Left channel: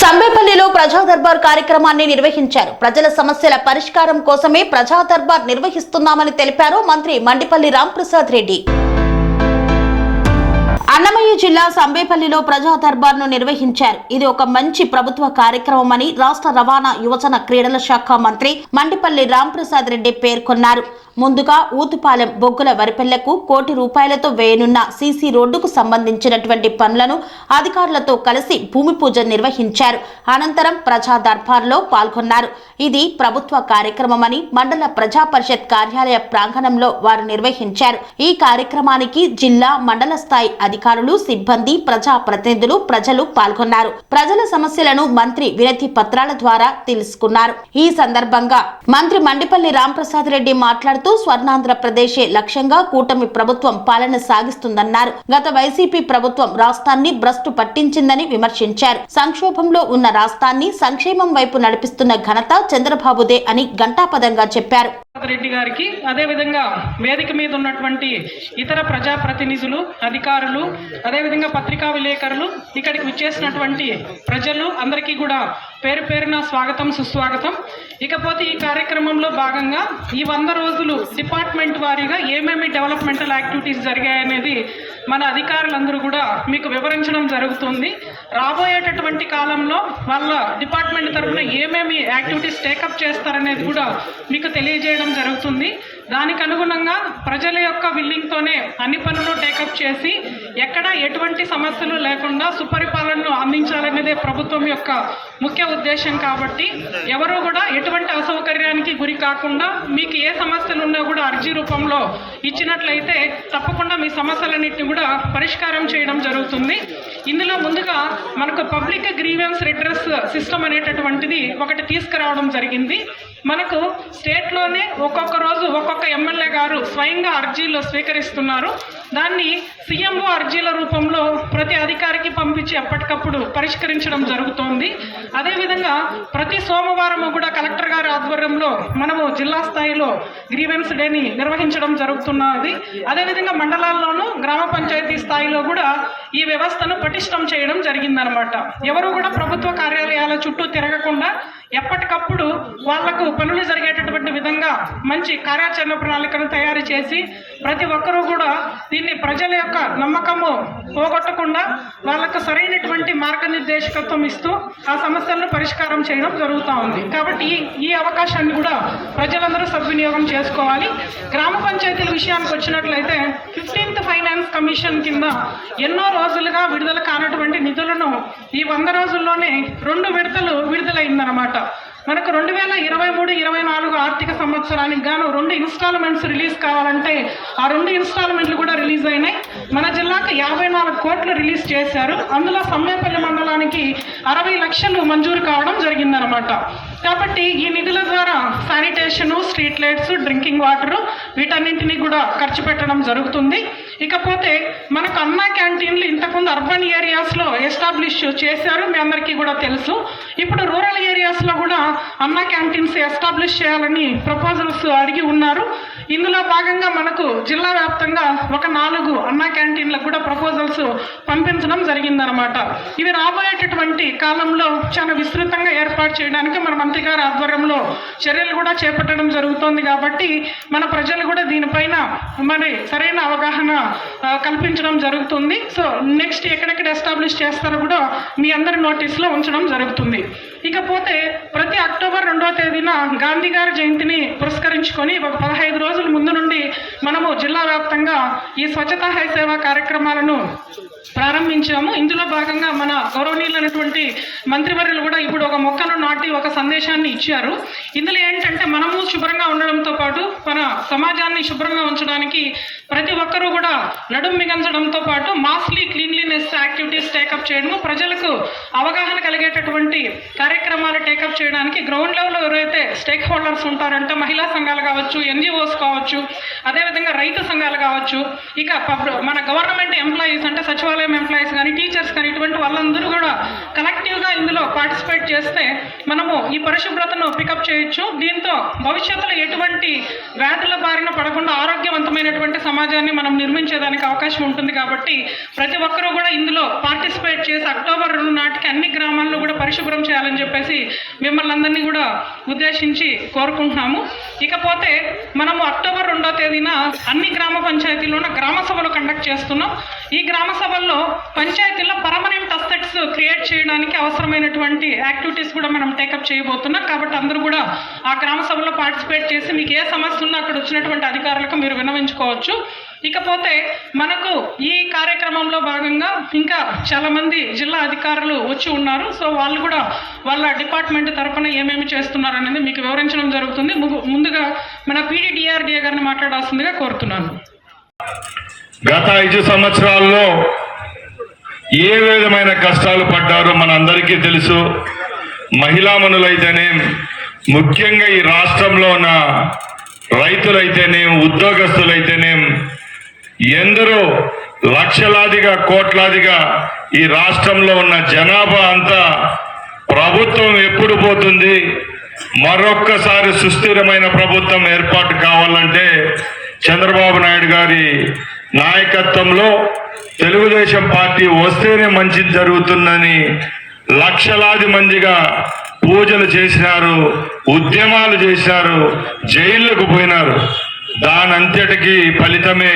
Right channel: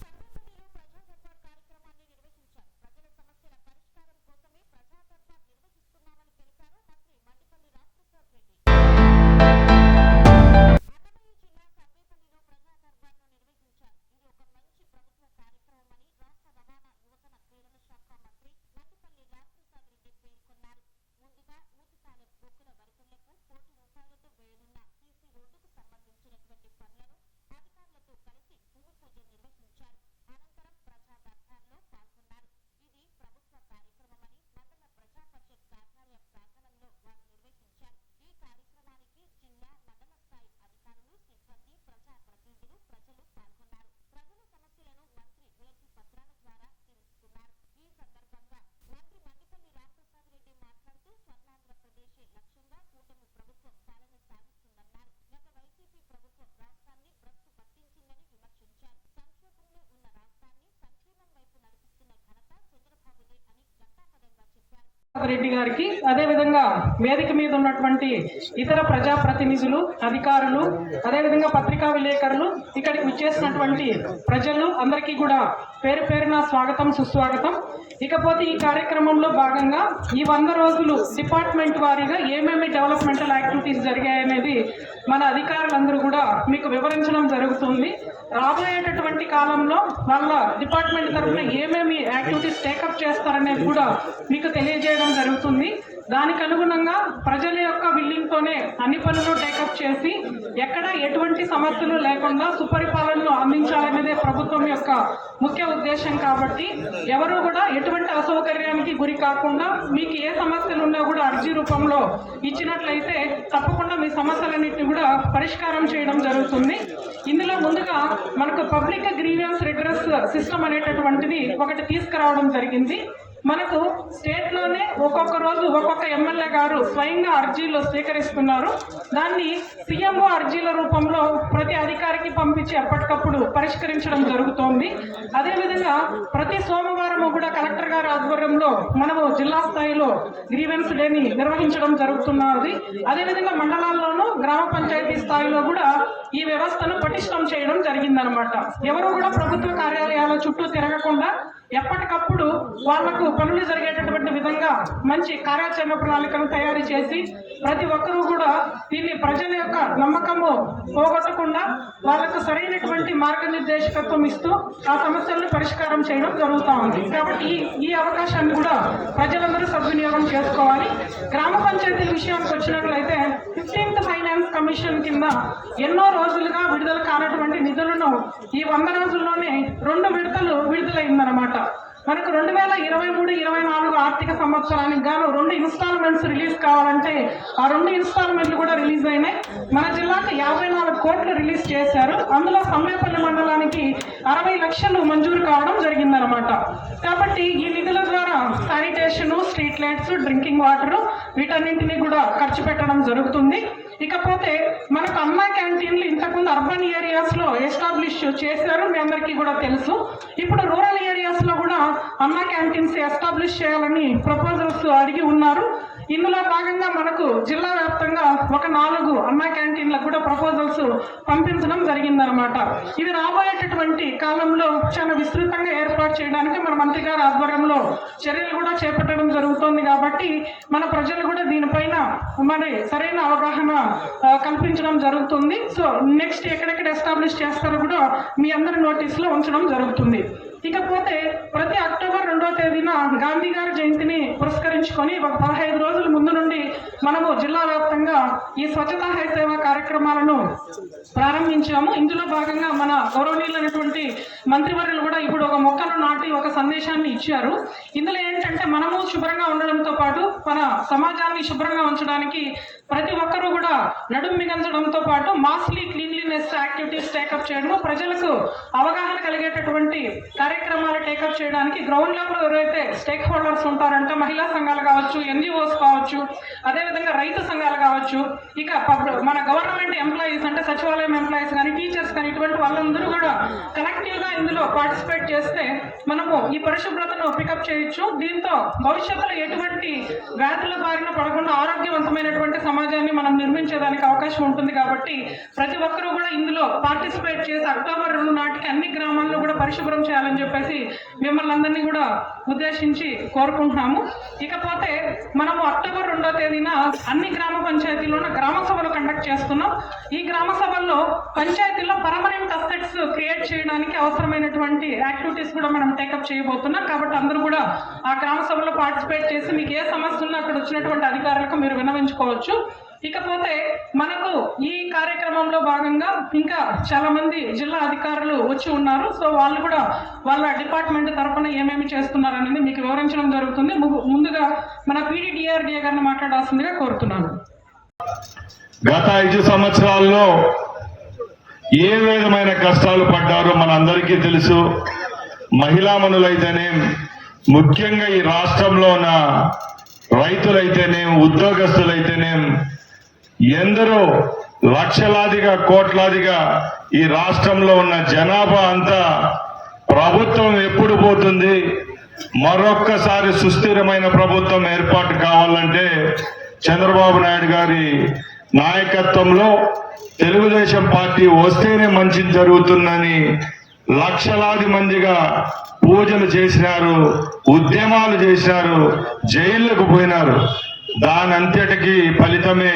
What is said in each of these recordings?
సంబేపల్లిలో ప్రజా దర్బార్ కార్యక్రమాన్ని నిర్వహించారు. ప్రజల సమస్యల పరిష్కారం కోసమే ప్రజా దర్బార్ నిర్వహిస్తున్నామని తెలిపారు మంత్రి మండిపల్లి రాంప్రసాద్ రెడ్డి. అన్నమయ్య జిల్లా సంబేపల్లిలో ప్రజా దర్బార్ను నిర్వహించారు. ఇది ఒక మంచి ప్రభుత్వ కార్యక్రమమని రాష్ట్ర రవాణా యువజన క్రీడల శాఖ మంత్రి మండిపల్లి రాంప్రసాద్ రెడ్డి పేర్కొన్నారు. ముందుగా ఊతుపాలెం బొగ్గుల వరిపెళ్ళకు కోటి రూపాయలతో వేయనున్న సీసీ రోడ్డుకు సంబంధించినటువంటి పనులను అధికారులతో కలిసి భూమి పూజ నిర్వహించారు. అనంతరం ప్రజా దర్బార్లో పాల్గొన్నారు. ఇది ప్రభుత్వ కార్యక్రమమని మండల ప్రజా పరిషత్ కార్యాలయ ప్రాంగణంలో వారు నిర్వహించారు. ఈ కార్యక్రమానికి జిల్లా మండల స్థాయి అధికారులు సిబ్బంది ప్రజా ప్రతినిధులు ప్రజలు పాల్గొన్నారు. ప్రజల సమస్యలను మంత్రి వినతి పత్రాల ద్వారా తెలుసుకున్నారు. ఈ సందర్భంగా మంత్రి మండిపల్లి రాంప్రసాద్ రెడ్డి మాట్లాడుతూ స్వర్ణాంధ్రప్రదేశే లక్ష్యంగా కూటమి ప్రభుత్వం పాలన సాగిస్తుందన్నారు. గత వైసీపీ ప్రభుత్వం రాష్ట్రాన్ని భ్రష్టు పట్టించిందని విమర్శించారు. సంక్షోభంలో ఉన్న రాష్ట్రాన్ని సంక్షేమం వైపు నడిపిస్తున్న ఘనత చంద్రబాబుదే అని ఘంటాపదంగా చెప్పారు. రెడ్డి గారికి. అదేవిధంగా వేదిక మీద ఉన్నటువంటి ఇతర ప్రజాప్రతినిధులు అధికారులు అదేవిధంగా పత్రికా విలేకరులు ఇక్కడికి విచ్చేసినటువంటి ప్రజలు అందరికీ కూడా పేరు పేరున స్వాగతం సుస్వాగతం. ఇకపోతే ఈ కార్యక్రమంలో భాగంగా ఈ వంద రోజులు డిపార్ట్మెంట్ వారీగా ఏమేమి డెవలప్మెంటల్ యాక్టివిటీస్ జరిగాయనేది మన అధికారులందరూ కూడా మీకు వివరించడం జరుగుతుంది. రాబోయేటటువంటి కాలంలో వాళ్ళ డిపార్ట్మెంట్ తరఫున ఏమేమి యాక్టివిటీస్ టేకప్ చేస్తారనేది కూడా మీకు తెలియజేయడం జరుగుతుంది. దానికి అనుగుణంగా ప్రజల యొక్క విల్లింగ్తోనే అన్ని పనులు టేకప్ చేసి ఎక్కడ ఎటువంటి సమస్యలు లేకుండా సుపరిపాలనను అందించాలనేదే ప్రభుత్వం యొక్క ముఖ్య ఉద్దేశం కాబట్టి ఎవరు కూడా ఎటువంటి అసౌకర్యానికి గురి కాకుండా మీకు ఏ సమస్యలు ఉన్నా కూడా అర్జీ రూపంలో ఇచ్చినట్లయితే తప్పకుండా మీ సమస్యలన్నింటినీ కూడా పరిష్కారం చేయడం జరుగుతుంది. ఇందులో ముందుగా మనకు పబ్లిక్ గ్రీవెన్స్ రిడ్రెస్ సిస్టమ్ అనేటటువంటిది ఒకటి తీసుకురావడం జరిగింది. మనకు స్టేట్లోనే ఒక్కొక్క రోజు ఒక్కొక్క ఎమ్మెల్యే గారు స్వయంగా అర్జీలు స్వీకరిస్తున్నారు. దాన్ని సీఎంఓ అర్జీల రూపంలో ప్రతి అధికారికి పంపించి ఎప్పటికప్పుడు పరిష్కరించడం జరుగుతోంది. అదేవిధంగా ప్రతి సోమవారం కూడా కలెక్టర్ గారి ఆధ్వర్యంలో మనము జిల్లా స్థాయిలో గ్రీవెన్స్ డేని నిర్వహించడం జరుగుతున్నది. అదేవిధంగా మండలాల్లోనూ గ్రామ పంచాయతీ స్థాయిలో కూడా ఈ వ్యవస్థను పటిష్టం చేయడం జరిగిందనమాట. ఎవరు కూడా ప్రభుత్వ కార్యాలయాల చుట్టూ తిరగకుండా ఎప్పటికప్పుడు వాళ్ళకు పనులు జరిగేటటువంటి విధంగా మంచి కార్యాచరణ ప్రణాళికను తయారు చేసి ప్రతి ఒక్కరూ కూడా దీన్ని ప్రజల యొక్క నమ్మకము పోగొట్టకుండా వాళ్ళకు సరైనటువంటి మార్గనిర్దేశకత్వం ఇస్తూ ఆ సమస్యలను పరిష్కారం చేయడం జరుగుతూ ఉంది. కాబట్టి ఈ అవకాశాన్ని కూడా ప్రజలందరూ సద్వినియోగం చేసుకోవాలి. గ్రామ పంచాయతీల విషయానికి వచ్చినట్లయితే ఫిఫ్టీన్త్ ఫైనాన్స్ కమిషన్ కింద ఎన్నో రోజులుగా విడుదల కానటువంటి నిధులను ఈ వంద రోజుల్లోనే రెండు విడతలు విడుదలైందనమాట మనకు రెండు వేల ఇరవై మూడు ఇరవై నాలుగు ఆర్థిక సంవత్సరానికి గాను రెండు ఇన్స్టాల్మెంట్స్ రిలీజ్ కావాలంటే ఆ రెండు ఇన్స్టాల్మెంట్లు కూడా రిలీజ్ అయినాయి. మన జిల్లాకు యాభై నాలుగు కోట్లు రిలీజ్ చేశారు. అందులో సమ్మేపల్లి మండలానికి అరవై లక్షలు మంజూరు కావడం జరిగిందనమాట కాబట్టి ఈ నిధుల ద్వారా sanitation street lights drinking water వీటన్నింటినీ కూడా ఖర్చు పెట్టడం జరుగుతుంది. ఇకపోతే మనకు అన్నా క్యాంటీన్లు ఇంతకుముందు అర్బన్ ఏరియాస్లో ఎస్టాబ్లిష్ చేశారు మీ అందరికీ కూడా తెలుసు. ఇప్పుడు రూరల్ ఏరియాస్లో కూడా అన్నా క్యాంటీన్స్ ఎస్టాబ్లిష్ చేయాలని ప్రపోజల్స్ అడిగి ఉన్నారు. ఇందులో భాగంగా మనకు జిల్లా వ్యాప్తంగా ఒక నాలుగు అన్నా క్యాంటీన్లకు కూడా ప్రపోజల్స్ పంపించడం జరిగిందనమాట ఇవి రాబోయేటటువంటి కాలంలో చాలా విస్తృతంగా ఏర్పాటు చేయడానికి మన మంత్రి గారి ఆధ్వర్యంలో చర్యలు కూడా చేపట్టడం జరుగుతోంది కాబట్టి మన ప్రజలు కూడా దీనిపైన మరి సరైన అవగాహన కల్పించడం జరుగుతుంది. సో నెక్స్ట్ ఎక్కడెక్కడ ఎస్టాబ్లిష్ చేస్తారో కూడా మీ అందరి నోటీస్లో ఉంచడం జరుగుతుంది. ఇకపోతే ప్రతి అక్టోబర్ రెండో తేదీన గాంధీ గారి జయంతిని పురస్కరించుకొని ఒక పదహైదు రోజుల ముందు నుండి మనము జిల్లా వ్యాప్తంగా ఈ స్వచ్ఛత హై సేవ కార్యక్రమాలను ప్రారంభించాము. ఇందులో భాగంగా మన గౌరవనీయులైనటువంటి మంత్రివర్యులు కూడా ఇప్పుడు ఒక మొక్కను నాటి ఒక సందేశాన్ని ఇచ్చారు. ఇందులో ఏంటంటే మనము శుభ్రంగా ఉండడంతో పాటు మన సమాజాన్ని శుభ్రంగా ఉంచడానికి ప్రతి ఒక్కరూ కూడా నడుం మిగంచడంతో పాటు మాస్లీ క్లీన్లీనెస్ యాక్టివిటీస్ టేకప్ చేయడము ప్రజలకు అవగాహన కలిగేటటువంటి కార్యక్రమాలు టేకప్ చేయడానికి గ్రౌండ్ లెవెల్లో ఎవరైతే స్టేక్ హోల్డర్స్ ఉంటారంటే మహిళా సంఘాలు కావచ్చు ఎన్జిఓస్ కావచ్చు అదేవిధంగా రైతు సంఘాలు కావచ్చు ఇక మన గవర్నమెంట్ ఎంప్లాయీస్ అంటే సచివాలయం ఎంప్లాయీస్ కానీ టీచర్స్ కానీ ఇటువంటి వాళ్ళందరూ కూడా కలెక్టివ్గా ఇందులో పార్టిసిపేట్ చేస్తే మనము ఈ పరిశుభ్రతను పికప్ చేయొచ్చు. దీంతో భవిష్యత్తులో ఎటువంటి వ్యాధుల బారిన పడకుండా ఆరోగ్యవంతమైనటువంటి సమాజాన్ని మనం నిర్మించేదానికి అవకాశం ఉంటుంది కాబట్టి ప్రతి ఒక్కరూ కూడా ఇందులో పార్టిసిపేట్ చేసి అక్టోబర్ రెండు నాటికి అన్ని గ్రామాల్లో కూడా పరిశుభ్రం చేయాలని చెప్పేసి మిమ్మల్ని అందరినీ కూడా ఉద్దేశించి కోరుకుంటున్నాము. ఇకపోతే మనము అక్టోబర్ రెండో తేదీన అన్ని గ్రామ పంచాయతీలోన గ్రామ సభలు కండక్ట్ చేస్తున్నాం. ఈ గ్రామ సభల్లో పంచాయతీలో పర్మనెంట్ క్రియేట్ చేయడానికి అవసరమైనటువంటి యాక్టివిటీస్ కూడా మనం టేకప్ చేయబోతున్నాం. కాబట్టి అందరూ కూడా ఆ గ్రామ సభలో పార్టిసిపేట్ చేసి మీకు ఏ సమస్య ఉన్నా అక్కడ వచ్చినటువంటి అధికారులకు మీరు విన్నవించుకోవచ్చు. ఇకపోతే మనకు ఈ కార్యక్రమంలో భాగంగా ఇంకా చాలామంది జిల్లా అధికారులు వచ్చి ఉన్నారు. సో వాళ్ళు కూడా వాళ్ళ డిపార్ట్మెంట్ తరఫున ఏమేమి చేస్తున్నారు అనేది మీకు వివరించడం జరుగుతుంది. ము- ముందుగా మన పీడీడీఆర్డీఏ గారిని మాట్లాడాల్సిందిగా కోరుతున్నాను. గత ఐదు సంవత్సరాల్లో ఏ విధమైన కష్టాలు పడ్డారో మనందరికీ తెలుసు. మహిళామణులైతేనే ముఖ్యంగా ఈ రాష్ట్రంలో ఉన్న రైతులైతేనేం ఉద్యోగస్తులైతేనేం ఎందరో లక్షలాదిగా కోట్లాదిగా ఈ రాష్ట్రంలో ఉన్న జనాభా అంతా ప్రభుత్వం ఎప్పుడు పోతుంది? మరొక్కసారి సుస్థిరమైన ప్రభుత్వం ఏర్పాటు కావాలంటే చంద్రబాబు నాయుడు గారి నాయకత్వంలో తెలుగుదేశం పార్టీ వస్తేనే మంచి జరుగుతుందని లక్షలాది మందిగా పూజలు చేసినారు ఉద్యమాలు చేసినారు జైళ్ళకు పోయినారు. దాని అంతటికి ఫలితమే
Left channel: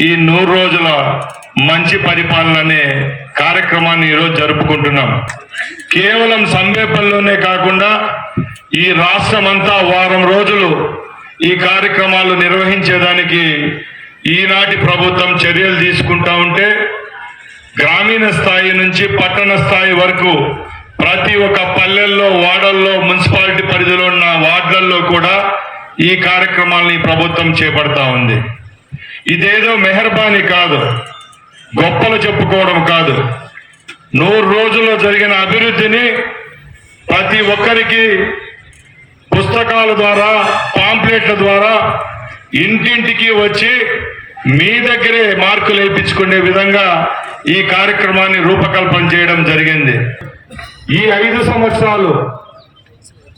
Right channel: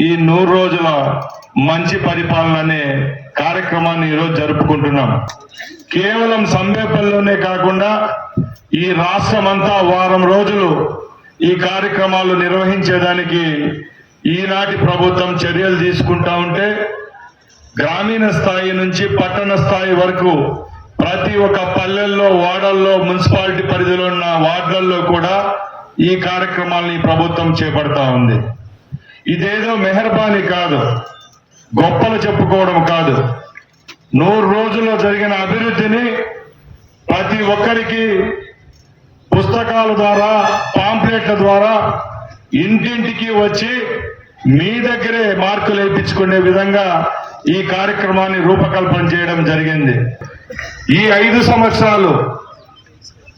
ఈ నూరు రోజుల మంచి పరిపాలన అనే కార్యక్రమాన్ని ఈరోజు జరుపుకుంటున్నాం. కేవలం సంబేపల్లిలోనే కాకుండా ఈ రాష్ట్రం అంతా వారం రోజులు ఈ కార్యక్రమాలు నిర్వహించేదానికి ఈనాటి ప్రభుత్వం చర్యలు తీసుకుంటా ఉంటే గ్రామీణ స్థాయి నుంచి పట్టణ స్థాయి వరకు ప్రతి ఒక్క పల్లెల్లో వాడల్లో మున్సిపాలిటీ పరిధిలో ఉన్న వార్డులలో కూడా ఈ కార్యక్రమాలని ప్రభుత్వం చేపడతా ఉంది. ఇదేదో మెహర్బానీ కాదు. గొప్పలు చెప్పుకోవడం కాదు. నూరు రోజుల్లో జరిగిన అభివృద్ధిని ప్రతి ఒక్కరికి పుస్తకాల ద్వారా పాంప్లెట్ల ద్వారా ఇంటింటికి వచ్చి మీ దగ్గరే మార్కులు వేయించుకునే విధంగా ఈ కార్యక్రమాన్ని రూపకల్పన చేయడం జరిగింది. ఈ ఐదు సంవత్సరాలు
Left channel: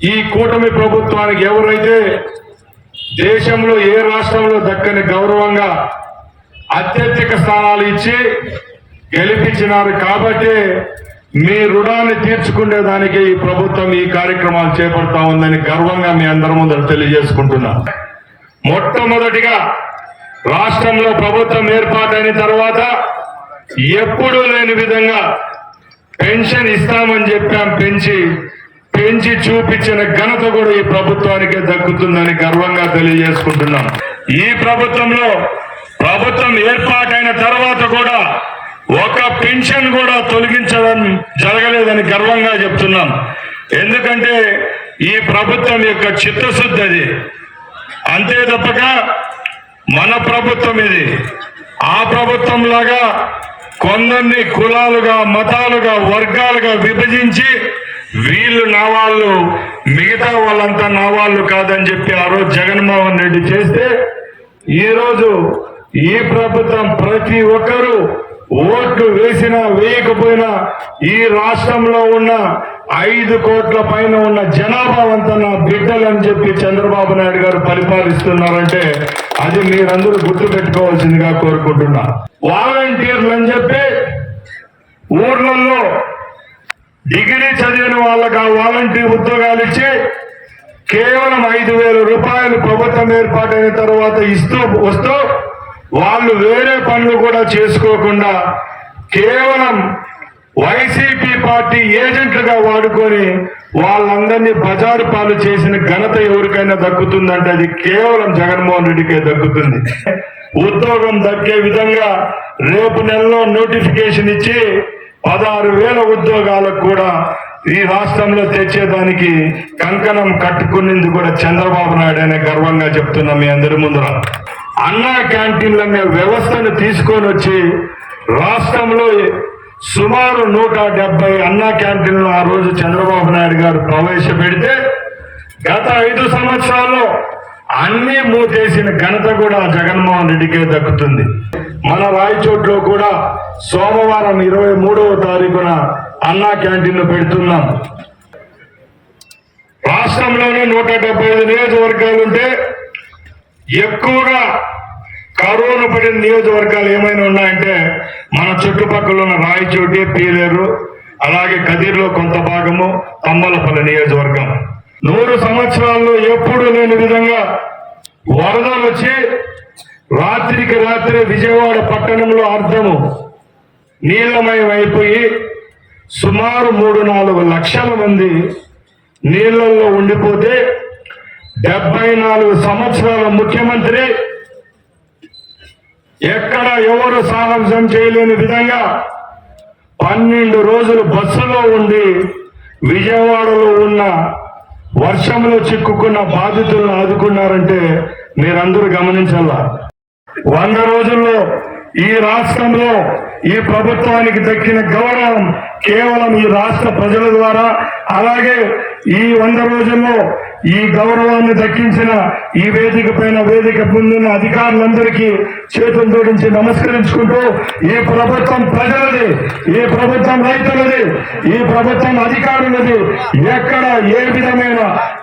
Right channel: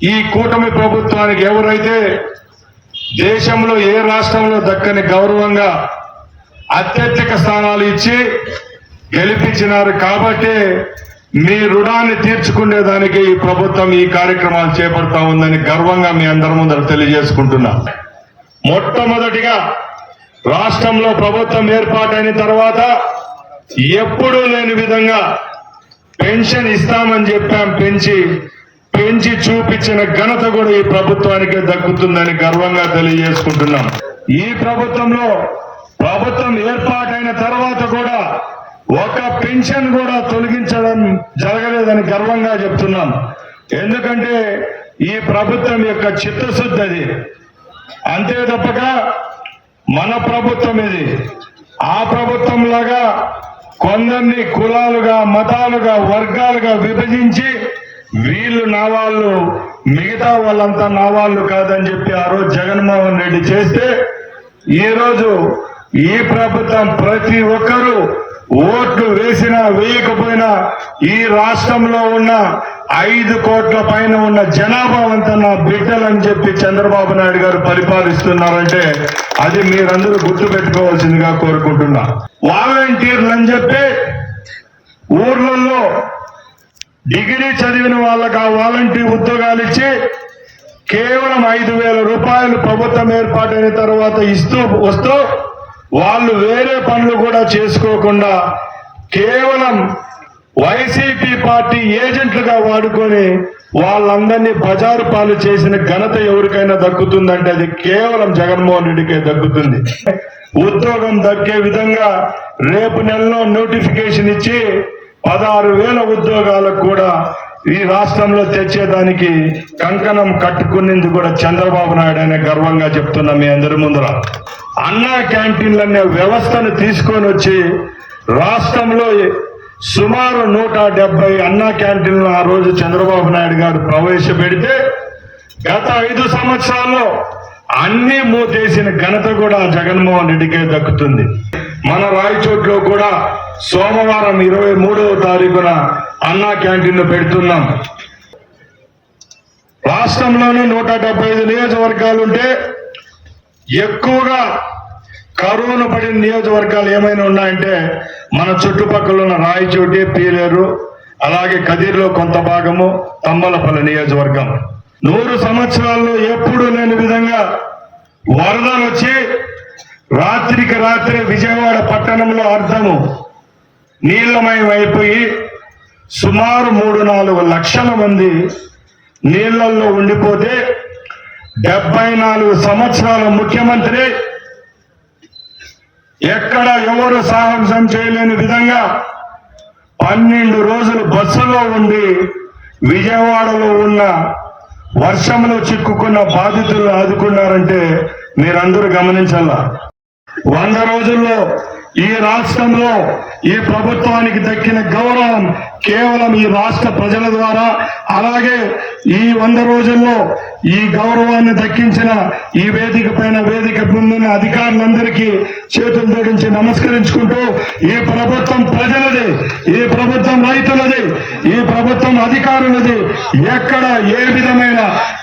ఈ కూటమి ప్రభుత్వానికి ఎవరైతే దేశంలో ఏ రాష్ట్రంలో దక్కని గౌరవంగా అత్యధిక స్థానాలు ఇచ్చి గెలిపించినారు కాబట్టి మీ రుణాన్ని తీర్చుకునేదానికి ఈ ప్రభుత్వం ఈ కార్యక్రమాలు చేపడతా ఉందని గర్వంగా మీ అందరి ముందర తెలియజేసుకుంటున్నా. మొట్టమొదటిగా రాష్ట్రంలో ప్రభుత్వం ఏర్పాటైన తర్వాత ఎప్పుడూ లేని విధంగా పెన్షన్ ఇస్తామని చెప్పాం. పెంచి పెంచి చూపించిన ఘనత కూడా ఈ ప్రభుత్వానికే దక్కుతుందని గర్వంగా తెలియజేసుకుంటున్నాం. ఈ ప్రభుత్వంలో ప్రభుత్వం ఏర్పాటైన తర్వాత కూడా ఒక పెన్షన్ కూడా తొలగించడం జరగలేదని గర్వంగా చెప్తున్నాం. ఎందుకంటే ఈ ప్రభుత్వం యొక్క చిత్తశుద్ధి అది. అంతే తప్పక మన ప్రభుత్వం ఇది. ఆ ప్రభుత్వం లాగా కొందరిని కులాలుగా మతాలుగా వర్గాలుగా విభజించి వీళ్ళు నా వాళ్ళు మిగతా వాళ్ళంతా నా వాళ్ళు కాదని చెప్పి ఆ రోజు జగన్మోహన్ రెడ్డి చేస్తే ఈరోజు ఈ ప్రభుత్వం ప్రతి ఒక్కరూ ఓట్లు వేసినా వేయకపోయినా ఈ రాష్ట్రంలో ఉన్న ఐదు కోట్ల పైన ఉన్న జనాభా అంతా నా బిడ్డలని చెప్పి చంద్రబాబు నాయుడు గారు పరిపాలిస్తున్నారంటే అది మీరందరూ గుర్తు పెట్టుకోవాల్సిందిగా కోరుకుంటున్నా. వాలంటీర్లు అని చెప్పి ఊర్లలో డిగ్రీ చదివిన వాళ్ళకి ఆ వాలంటీర్ ఉద్యోగాలు ఇచ్చి కేవలం ఐదు వేల రూపాయలు ప్రభుత్వం ఏర్పాటైన తర్వాత ఇస్తూ వస్తూ వాళ్ళు వేరే పనులు కూడా చేసుకోకుండా కేవలం వైసీపీ పార్టీ ఏజెంట్లుగా వాడుకొని వాళ్ళందరినీ బజారు పాలు చేసిన ఘనత ఎవరికైనా దక్కుతుందంటే అది కేవలం జగన్మోహన్ రెడ్డికే దక్కుతుంది. ఉద్యోగం దక్కే విధంగా రేపు నెలలో నోటిఫికేషన్ ఇచ్చి పదహారు వేల ఉద్యోగాలకు కూడా ఈ రాష్ట్రంలో తెచ్చేదానికి కంకణం కట్టుకునేందుకు కూడా చంద్రబాబు నాయుడు అనే గర్వంగా చెప్తున్నా మీ అందరి ముందర. అన్నా క్యాంటీన్లు అనే వ్యవస్థను తీసుకొని వచ్చి రాష్ట్రంలో సుమారు నూట డెబ్బై అన్నా క్యాంటీన్లు ఆ రోజు చంద్రబాబు నాయుడు గారు ప్రవేశపెడితే గత ఐదు సంవత్సరాల్లో అన్ని మూతేసిన ఘనత కూడా జగన్మోహన్ రెడ్డికే దక్కుతుంది. మన రాయచోట్లో కూడా సోమవారం ఇరవై మూడవ తారీఖున అన్నా క్యాంటీన్లు పెడుతున్నాం. రాష్ట్రంలోనే నూట డెబ్బై ఐదు నియోజకవర్గాలు ఉంటే ఎక్కువగా కరోనా పడిన నియోజకవర్గాలు ఏమైనా ఉన్నాయంటే మన చుట్టుపక్కల ఉన్న రాయచోటి పీలేరు అలాగే కదిర్లో కొంత భాగము తమ్మలపల్లి నియోజకవర్గం. నూరు సంవత్సరాల్లో ఎప్పుడూ లేని విధంగా వరదలు వచ్చి రాత్రికి రాత్రి విజయవాడ పట్టణంలో అర్థము నీళ్ళమయం అయిపోయి సుమారు మూడు నాలుగు లక్షల మంది నీళ్ళలో ఉండిపోతే డెబ్బై నాలుగు సంవత్సరాల ముఖ్యమంత్రి ఎక్కడ ఎవరు సాహసం చేయలేని విధంగా పన్నెండు రోజులు బస్సులో ఉండి విజయవాడలో ఉన్న వర్షంలో చిక్కుకున్న బాధితులను ఆదుకున్నారంటే మీరందరూ గమనించాలా? వంద రోజుల్లో ఈ రాష్ట్రంలో ఈ ప్రభుత్వానికి దక్కిన గౌరవం కేవలం ఈ రాష్ట్ర ప్రజల ద్వారా అలాగే ఈ వంద రోజుల్లో ఈ గౌరవాన్ని దక్కించిన ఈ వేదిక పైన వేదిక పొందిన అధికారులందరికీ చేతులు జోడించి నమస్కరించుకుంటూ ఈ ప్రభుత్వం ప్రజలది ఈ ప్రభుత్వం రైతులది ఈ ప్రభుత్వం అధికారులది ఎక్కడ ఏ విధమైన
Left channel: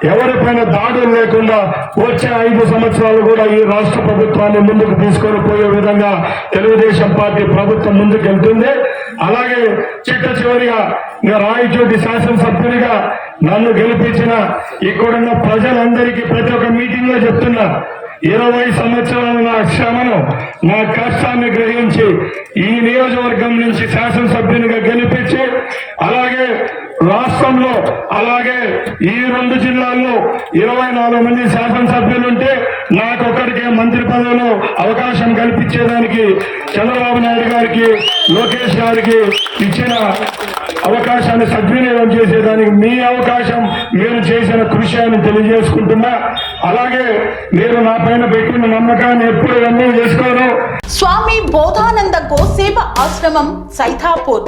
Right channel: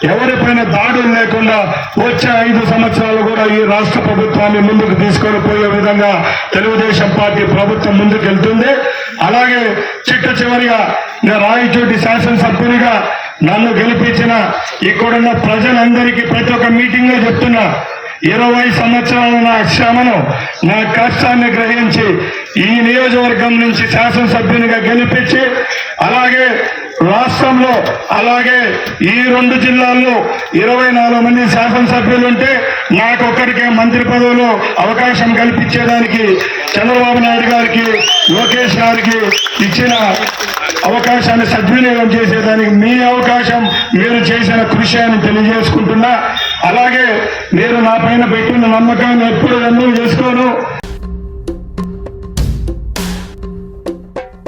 ఎవరిపైన దాడులు లేకుండా వచ్చే ఐదు సంవత్సరాలు కూడా ఈ రాష్ట్ర ప్రభుత్వాన్ని ముందుకు తీసుకొని పోయే విధంగా తెలుగుదేశం పార్టీ ప్రభుత్వం ముందుకెళ్తుంది. అలాగే చిట్ట చివరిగా నేను రాయచోటి శాసనసభ్యునిగా నన్ను గెలిపించిన ఇక్కడున్న ప్రజలందరికీ ప్రతి ఒక్క మీటింగ్లో చెప్తున్నా ఇరవై సంవత్సరాల నా శ్రమను నా కష్టాన్ని గ్రహించి ఈ నియోజకవర్గం నుంచి శాసనసభ్యునిగా గెలిపించి అలాగే రాష్ట్రంలో అలాగే ఈ రెండు జిల్లాల్లో ఇరవై నాలుగు మంది శాసనసభ్యులుంటే నాకొక్కడికే మంత్రి పదవిలో అవకాశం కల్పించేదానికి చంద్రబాబు నాయుడు గారికి లోకేష్ గారికి ఇచ్చిన అవకాశాన్ని సద్వినియోగం చేసేదానికి మీ అవకాశం మీరు చేసిన కృషి అని తెలియజేసుకుంటున్నా. అలాగే మీరు నా పైన పెట్టిన నమ్మకాన్ని ఎప్పుడు రన్ను చేసుకోను. స్వామి బోధానంద గోసేవ ఆశ్రమం సైథాపూర్